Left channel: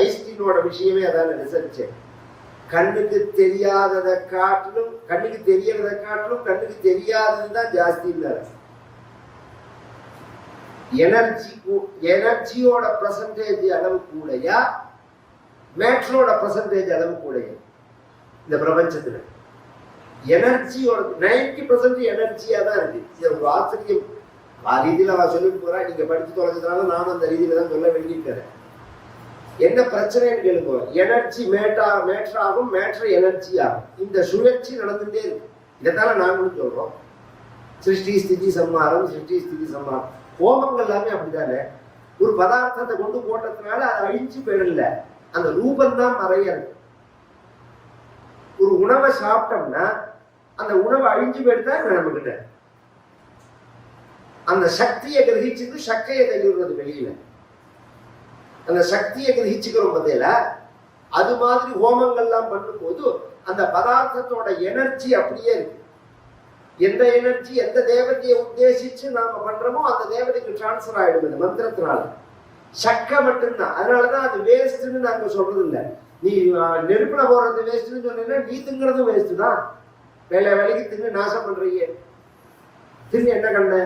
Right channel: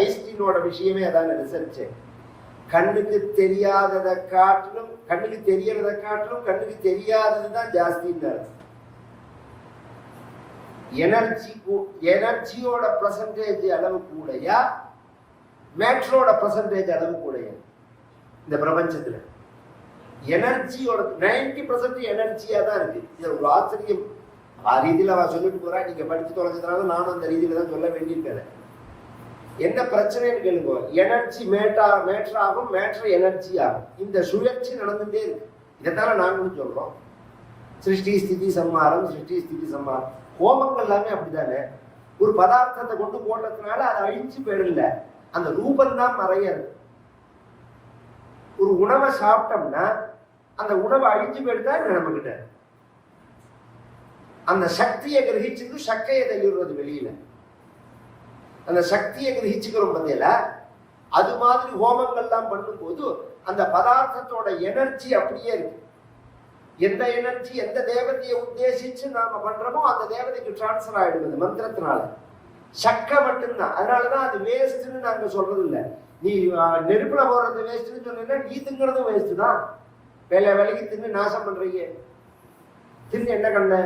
ஐஸ்டீனோட விஷயமே அதான ரிசர்ச். கண்ணுக்கு தெரியாததை காட்டிலும் கண்ணுக்கு தெரியறதை காட்டிலும் கண்ணுக்கு தெரியாததுதான் ஜாஸ்தி. எனர்ஜியோட பர்சன்டேஜ் அளவு கூடயா மேட்ரோட பர்சன்டேஜ் அளவு கூடயா இந்த பிரபஞ்சத்துல? எனர்ஜியோட 90% எனர்ஜியா தான் இருக்கு. ஒரு ஆசிரியர் ரீதியில் அவன் சொல்லிட்டு போறா, நீங்க படிச்சு தொலைச்சதுனால நானும் அந்த ரீதியில தான் சொல்ல வேண்டியிருக்கிறேன். என்ன பிரச்சனைன்னு கேளுங்க. எனர்ஜி மேட்ராகும், மேட்ரு எனர்ஜி ஆகும். இந்த சுழற்சி நடந்துட்டே இருக்கு. இதனால நாங்களும் சொல்றோம் சிருஷ்டி ஸ்திதி சம்ஹாரம், சிருஷ்டி ஸ்திதி சம்ஹாரம். ஹோமங்கள் எல்லாமே அப்படித்தானே. ஒரு பதார்த்தத்தை கொண்டு போட்டதுனால அதை அழிச்சு போயிடல, அந்த ரூபம் தான் நிறைய இருக்கு. ஒரு உணவை சாப்பிட்டோம்னா அந்த உணவை அழிஞ்சு போயிட்டு தான் நடந்துகிட்ட அந்த சக்தியை கிரகிச்சுட்டு சக்கையை தள்ளிடுறது வெளியில. அந்த சக்தியை கிரகிச்சுக்கிறோம் பார்த்தீங்களா? அது மாதிரி ஹோமங்கள்லாம் பண்ணும்போது அந்த பதார்த்தத்தோட எனர்ஜி அப்படியே இருக்கு. எந்த எனர்ஜி எந்த தேவதையை உத்தேசிச்சு நாம பண்றோமோ அந்த தேவதைக்கு டிரான்ஸ்பர் ஆயிடுது மந்திரத்தினால. சக்கை மட்டும்தான். அதனாலதான் அது வேஸ்ட்ன்னு நாங்க சொல்றது இல்லை. நீ நெருப்புல போடுறது வேஸ்ட்ன்னு சொன்னீங்கன்னா நீ திங்கிறதும் வேஸ்ட் தான். வேலைக்கு தின்னு நாசம் பண்றீங்க. தின்னு என்ன கண்ட?